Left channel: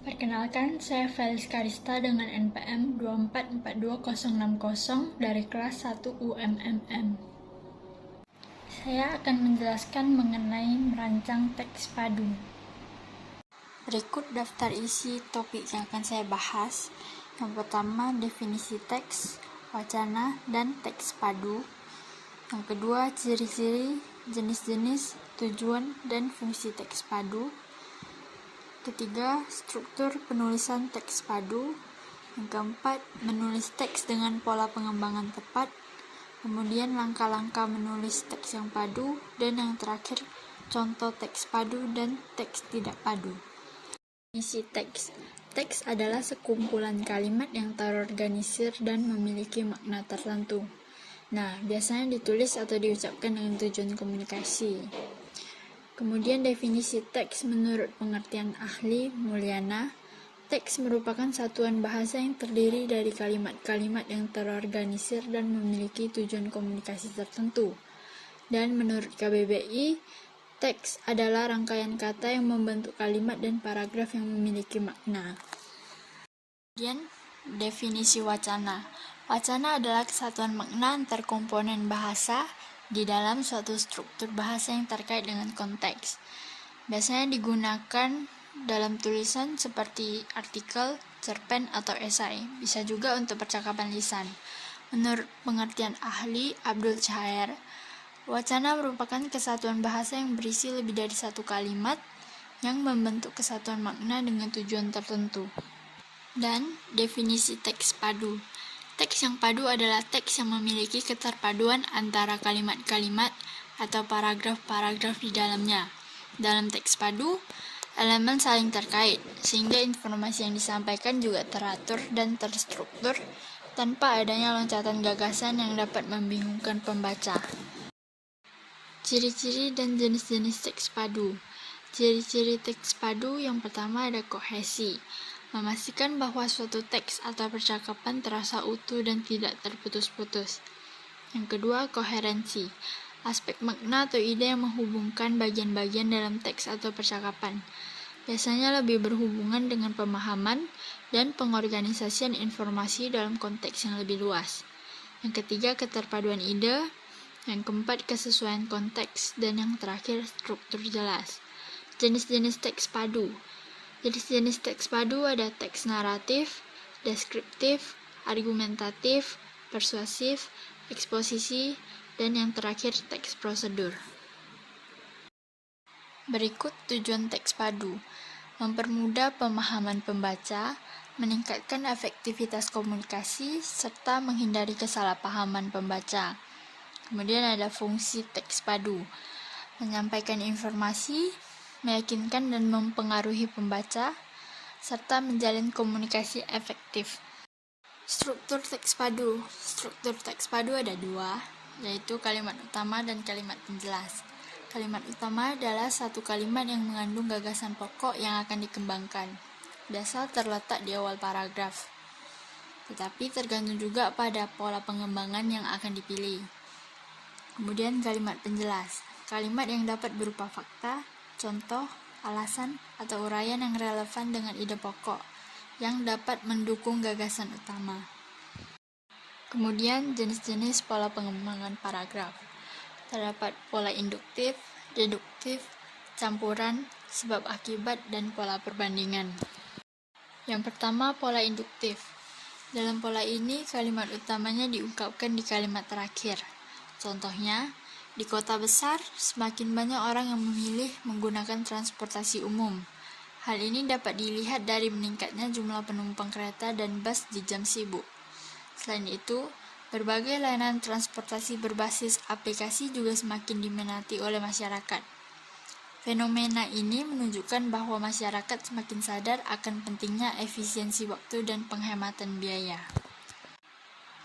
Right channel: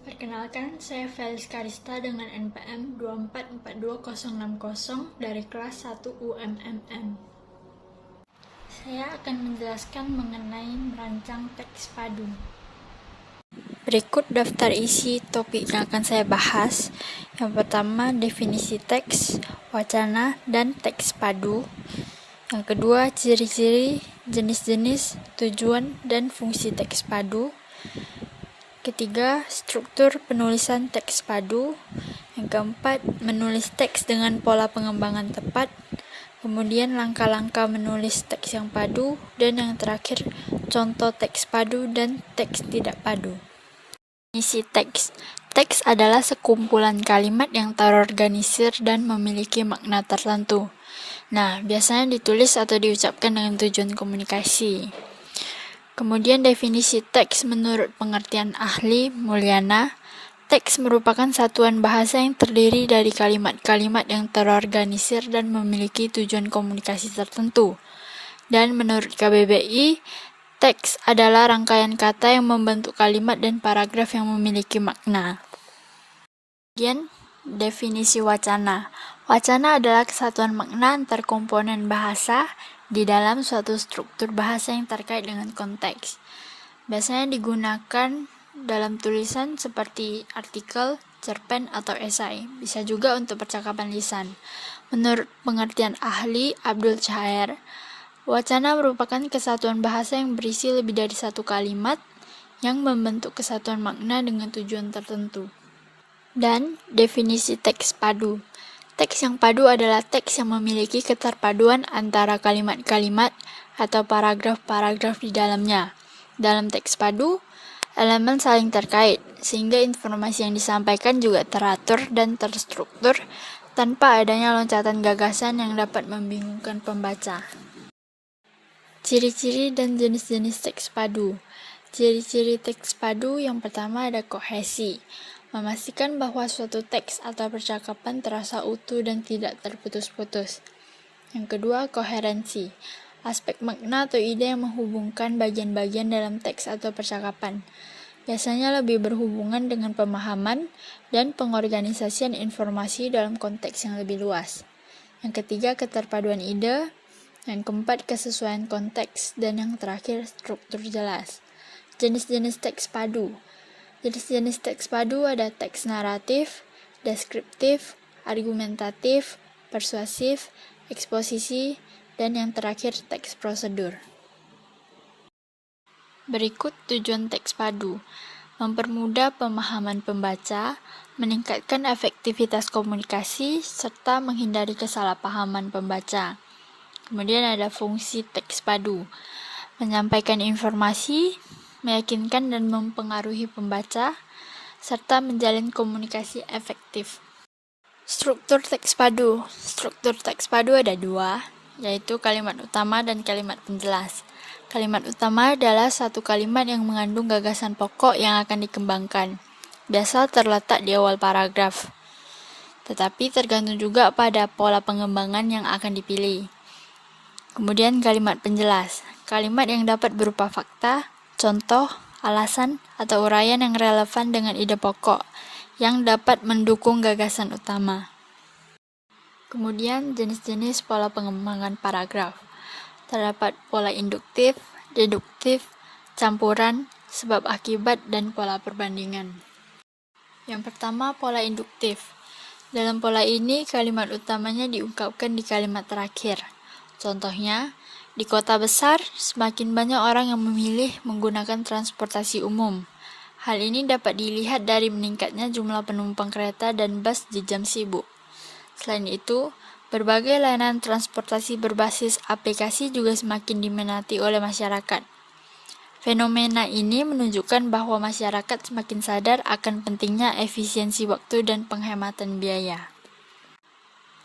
Perkenalkan, saya Felis Karista dengan NPM 2442060 dari kelas 1 UMMM. Saya akan menjelaskan mengenai merancang teks padu. Berikut daftar isi topik yang akan saya bahas. Yang pertama, definisi teks, wacana, dan teks padu. Yang kedua, ciri-ciri, jenis-jenis, tujuan, dan fungsi teks padu. Ketiga, struktur penulisan teks padu. Yang keempat, menulis teks dengan pola pengembangan tepat. Kemudian langkah-langkah menulis teks yang padu. Dan yang terakhir, contoh teks padu dan teks tidak padu. Isi teks. Teks adalah sekumpulan kalimat yang terorganisir dan memiliki makna tertentu. Nah, biasanya ditulis atau diucapkan dengan tujuan komunikasi. Kemudian definisi teks menurut pengertian ahli Mulyana, teks merupakan satuan bahasa yang terdiri dari kalimat-kalimat yang terorganisir dan memiliki tujuan komunikasi tertentu. Dan menurut KBBI, teks adalah rangkaian kata yang membentuk kalimat dan paragraf yang memiliki makna. Kemudian, definisi wacana. Wacana adalah kesatuan makna antar komponen bahasa di dalam suatu struktur bahasa yang terkait dengan konteks. Biasanya digunakan dalam tulisan seperti artikel, cerpen, atau esai. Bisa juga untuk percakapan lisan. Menurut pengertian ahli Abdul Chaher, wacana merupakan kesatuan bahasa yang berisi lebih dari satu kalimat yang membentuk kesatuan makna dengan tujuan tertentu. Dan definisi teks padu. Teks yang padu adalah teks yang memiliki keterpaduan antara kalimat-kalimat atau paragraf-paragraf di dalamnya. Dalam teks padu, elemen saling terkait, sehingga informasi yang disampaikan juga teratur dan terstruktur tanpa adanya loncatan gagasan yang dapat membingungkan pembaca. Ciri-ciri dan jenis-jenis teks padu. Ciri-ciri teks padu yang pertama ada kohesi, memastikan bahwa suatu teks atau percakapan terasa utuh dan tidak terputus-putus. Yang kedua, koherensi, aspek makna atau ide yang menghubungkan bagian-bagian dalam teks atau percakapan. Biasanya lebih berhubungan dengan pemahaman dan pengorganisasian informasi dalam konteks yang lebih luas. Yang ketiga, keterpaduan ide. Yang keempat, kesesuaian konteks. Dan yang terakhir, struktur jelas. Jenis-jenis teks padu. Jenis-jenis teks padu ada teks naratif, deskriptif, argumentatif, persuasif, eksposisi, dan yang terakhir teks prosedur. Berikut tujuan teks padu. Mempermudah pemahaman pembaca, meningkatkan efektivitas komunikasi, serta menghindari kesalahpahaman pembaca. Kemudian ada fungsi teks padu. Menyampaikan informasi, meyakinkan dan mempengaruhi pembaca, serta menjalin komunikasi efektif. Struktur teks padu. Struktur teks padu ada dua, yaitu kalimat utama dan kalimat penjelas. Kalimat utama adalah satu kalimat yang mengandung gagasan pokok yang akan dikembangkan. Biasa terletak di awal paragraf. Tetapi tergantung juga pada pola pengembangan yang akan dipilih. Kemudian kalimat penjelas. Kalimat yang dapat berupa fakta, contoh, alasan, atau uraian yang relevan dengan ide pokok yang dapat mendukung gagasan utama. Kemudian jenis-jenis pola pengembangan paragraf. Terdapat pola induktif, deduktif, campuran, sebab akibat, dan pola perbandingan. Yang pertama, pola induktif. Dalam pola ini, kalimat utamanya diungkapkan di kalimat terakhir. Contohnya, di kota besar, semakin banyak orang yang memilih menggunakan transportasi umum. Hal ini dapat dilihat dari meningkatnya jumlah penumpang kereta dan bus di jam sibuk. Selain itu, berbagai layanan transportasi berbasis aplikasi juga semakin diminati oleh masyarakat. Fenomena ini menunjukkan bahwa masyarakat semakin sadar akan pentingnya efisiensi waktu dan penghematan biaya.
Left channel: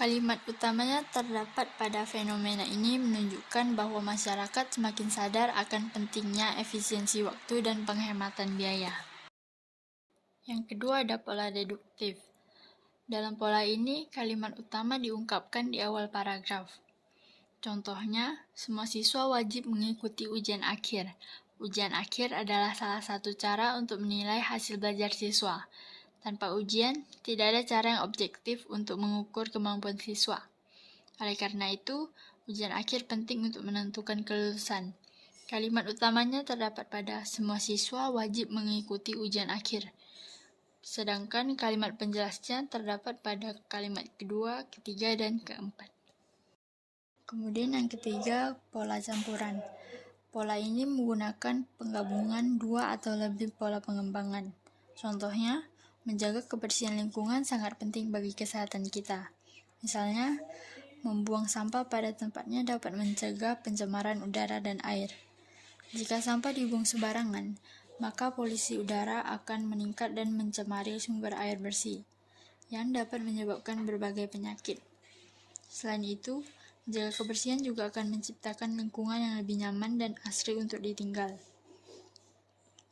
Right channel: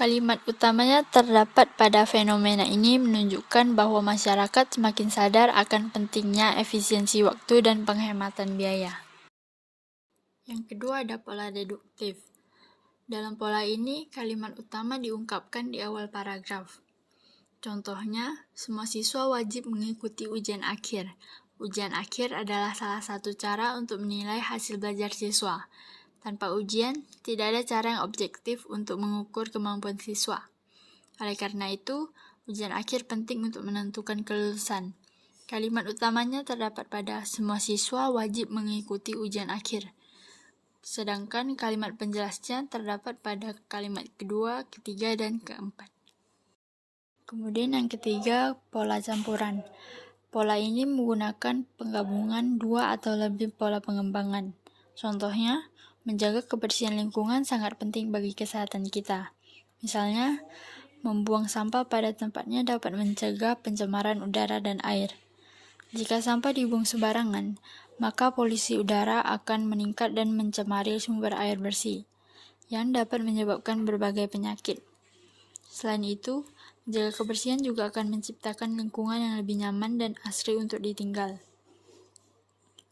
Kalimat utamanya terdapat pada fenomena ini menunjukkan bahwa masyarakat semakin sadar akan pentingnya efisiensi waktu dan penghematan biaya. Yang kedua ada pola deduktif. Dalam pola ini, kalimat utama diungkapkan di awal paragraf. Contohnya, semua siswa wajib mengikuti ujian akhir. Ujian akhir adalah salah satu cara untuk menilai hasil belajar siswa. Tanpa ujian, tidak ada cara yang objektif untuk mengukur kemampuan siswa. Oleh karena itu, ujian akhir penting untuk menentukan kelulusan. Kalimat utamanya terdapat pada semua siswa wajib mengikuti ujian akhir. Sedangkan kalimat penjelasnya terdapat pada kalimat kedua, ketiga, dan keempat. Kemudian yang ketiga, pola campuran. Pola ini menggunakan penggabungan dua atau lebih pola pengembangan. Contohnya, menjaga kebersihan lingkungan sangat penting bagi kesehatan kita. Misalnya, membuang sampah pada tempatnya dapat mencegah pencemaran udara dan air. Jika sampah dibuang sembarangan, maka polusi udara akan meningkat dan mencemari sumber air bersih, yang dapat menyebabkan berbagai penyakit. Selain itu, menjaga kebersihan juga akan menciptakan lingkungan yang lebih nyaman dan asri untuk ditinggal.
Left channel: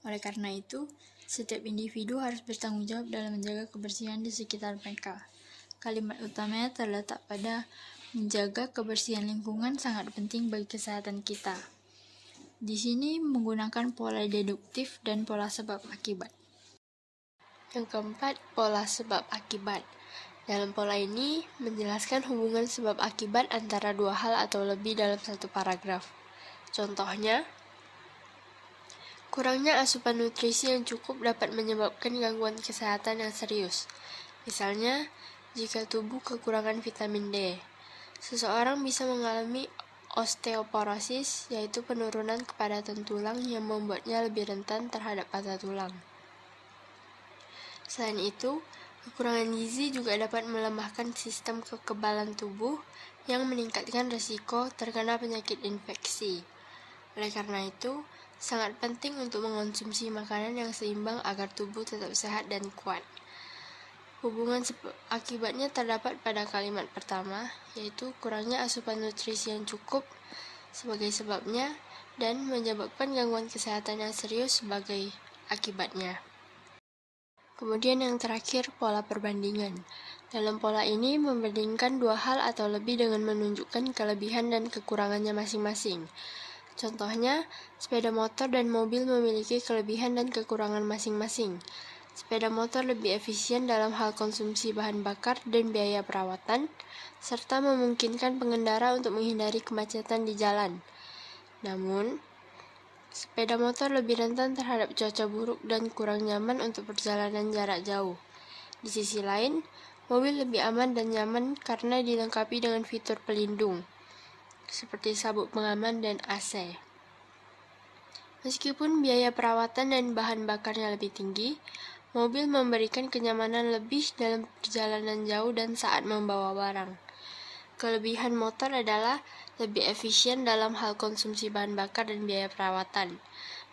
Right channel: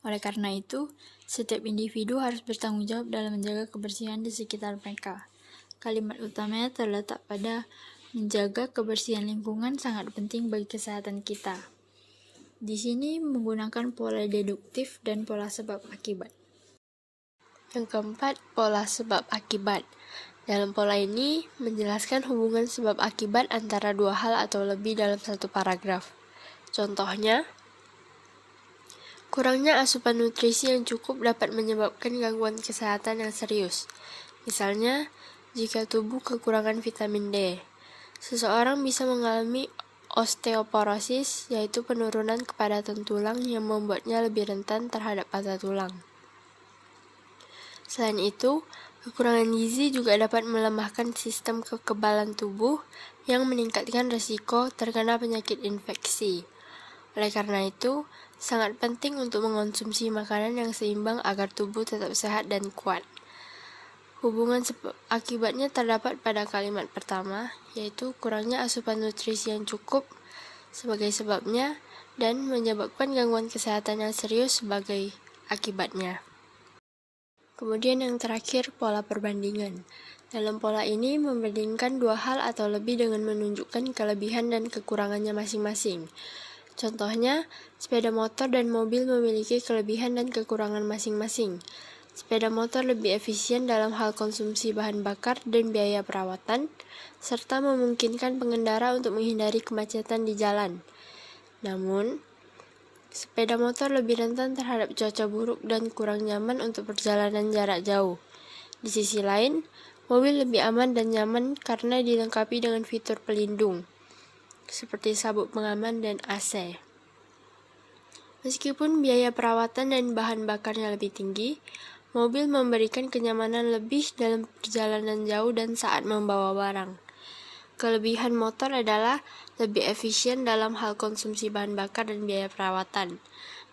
Oleh karena itu, setiap individu harus bertanggung jawab dalam menjaga kebersihan di sekitar mereka. Kalimat utamanya terletak pada menjaga kebersihan lingkungan sangat penting bagi kesehatan kita. Di sini menggunakan pola deduktif dan pola sebab akibat. Yang keempat, pola sebab akibat. Dalam pola ini, menjelaskan hubungan sebab akibat antara dua hal atau lebih dalam satu paragraf. Contohnya, kurangnya asupan nutrisi yang cukup dapat menyebabkan gangguan kesehatan yang serius. Misalnya, jika tubuh kekurangan vitamin D, seseorang bisa mengalami osteoporosis, yaitu penurunan kepadatan tulang yang membuatnya lebih rentan terhadap patah tulang. Selain itu, kekurangan gizi juga dapat melemahkan sistem kekebalan tubuh yang meningkatkan risiko terkena penyakit infeksi. Oleh karena itu, sangat penting untuk mengonsumsi makanan yang seimbang agar tubuh tetap sehat dan kuat. Hubungan akibatnya terdapat pada kalimat pertama, yaitu kurangnya asupan nutrisi yang cukup sebagai sebabnya dan menyebabkan gangguan kesehatan yang serius sebagai akibatnya. Kemudian yang terakhir, pola perbandingan. Dalam pola ini membandingkan dua hal atau lebih dengan menunjukkan kelebihan dan kekurangannya masing-masing. Contohnya, sepeda motor dan mobil memiliki kelebihan dan kekurangan masing-masing. Sepeda motor lebih efisien dalam hal konsumsi bahan bakar dan biaya perawatan, serta memungkinkan pengendara untuk menghindari kemacetan di jalan. Namun, sepeda motor lebih rentan terhadap cuaca buruk dan kurang nyaman untuk perjalanan jarak jauh. Di sisi lain, mobil lebih aman dan nyaman karena dilengkapi dengan fitur pelindung, seperti sabuk pengaman dan AC. Meskipun biaya perawatan dan bahan bakarnya lebih tinggi, mobil memberikan kenyamanan lebih dalam perjalanan jauh dan saat membawa barang. Kelebihan motor adalah lebih efisien dalam hal konsumsi bahan bakar dan biaya perawatan.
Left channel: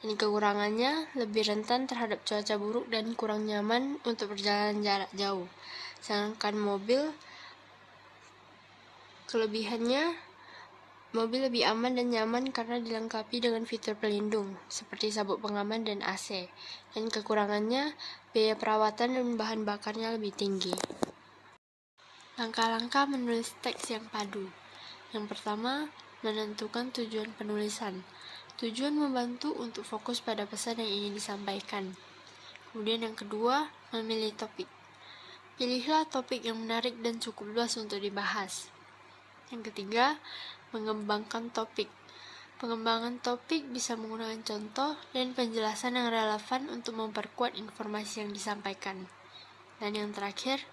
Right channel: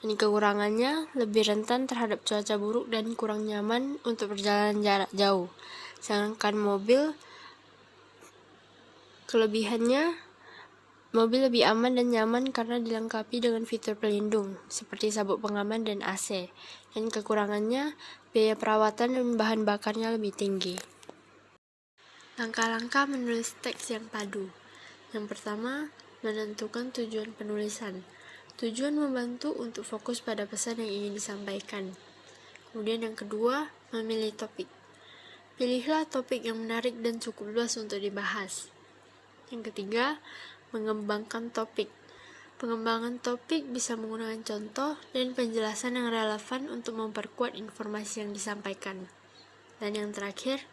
Dan kekurangannya lebih rentan terhadap cuaca buruk dan kurang nyaman untuk perjalanan jarak jauh. Sedangkan kelebihannya, mobil lebih aman dan nyaman karena dilengkapi dengan fitur pelindung, seperti sabuk pengaman dan AC. Dan kekurangannya, biaya perawatan dan bahan bakarnya lebih tinggi. Langkah-langkah menulis teks yang padu. Yang pertama, menentukan tujuan penulisan. Tujuan membantu untuk fokus pada pesan yang ingin disampaikan. Kemudian yang kedua, memilih topik. Pilihlah topik yang menarik dan cukup luas untuk dibahas. Yang ketiga, mengembangkan topik. Pengembangan topik bisa menggunakan contoh dan penjelasan yang relevan untuk memperkuat informasi yang disampaikan. Dan yang terakhir,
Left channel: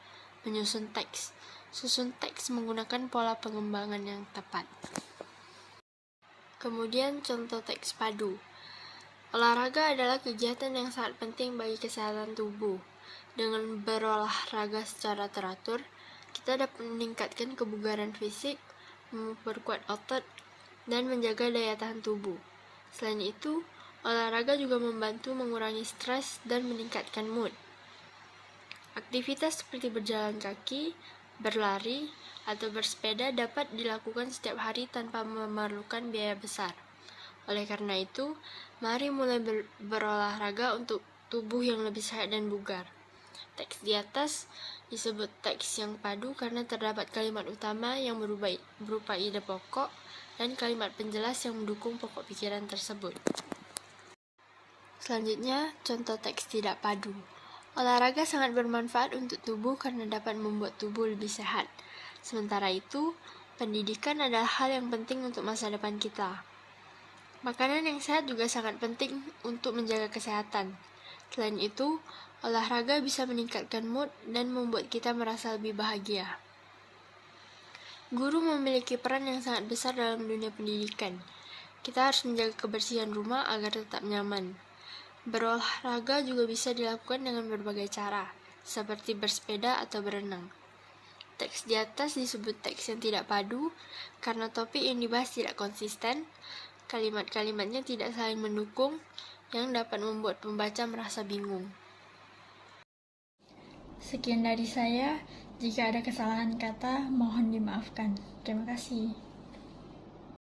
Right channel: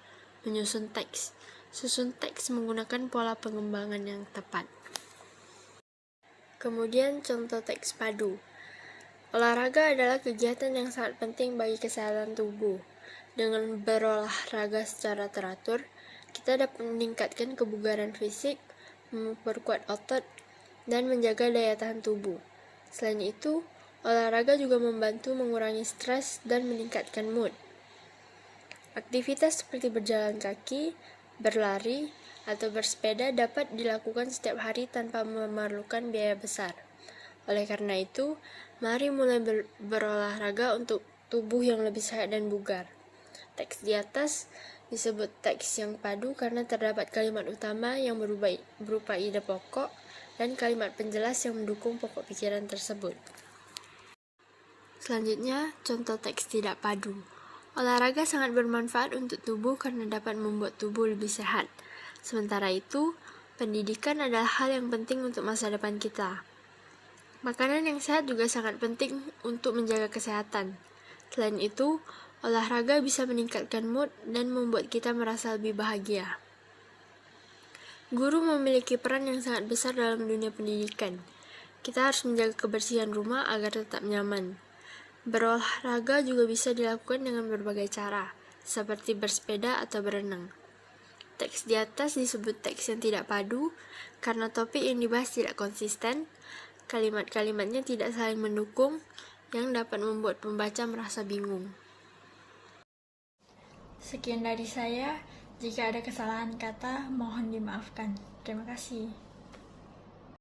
menyusun teks. Susun teks menggunakan pola pengembangan yang tepat. Kemudian contoh teks padu. Olahraga adalah kegiatan yang sangat penting bagi kesehatan tubuh. Dengan berolahraga secara teratur, kita dapat meningkatkan kebugaran fisik, memperkuat otot, dan menjaga daya tahan tubuh. Selain itu, olahraga juga membantu mengurangi stres dan meningkatkan mood. Aktivitas seperti berjalan kaki, berlari, atau bersepeda dapat dilakukan setiap hari tanpa memerlukan biaya besar. Oleh karena itu, mari mulai berolahraga untuk tubuh yang lebih sehat dan bugar. Teks di atas disebut teks yang padu karena terdapat kalimat utama yang berupa ide pokok dan kalimat penjelas yang mendukung pokok pikiran tersebut. Selanjutnya, contoh teks tidak padu. Olahraga sangat bermanfaat untuk tubuh karena dapat membuat tubuh lebih sehat. Sementara itu, pendidikan adalah hal yang penting untuk masa depan kita. Makanan yang sehat juga sangat penting untuk menjaga kesehatan. Selain itu, olahraga bisa meningkatkan mood dan membuat kita merasa lebih bahagia. Guru memiliki peran yang sangat besar dalam dunia pendidikan. Kita harus menjaga kebersihan rumah agar tetap nyaman. Berolahraga juga bisa dilakukan dengan berbagai cara, seperti bersepeda atau berenang. Teks di atas disebut teks yang tidak padu, karena topik yang dibahas tidak konsisten, kalimat-kalimatnya tidak saling mendukung, yang dapat membuat pembaca merasa bingung. Sekian dari saya. Jika ada kesalahan kata, mohon dimaafkan. Terima kasih.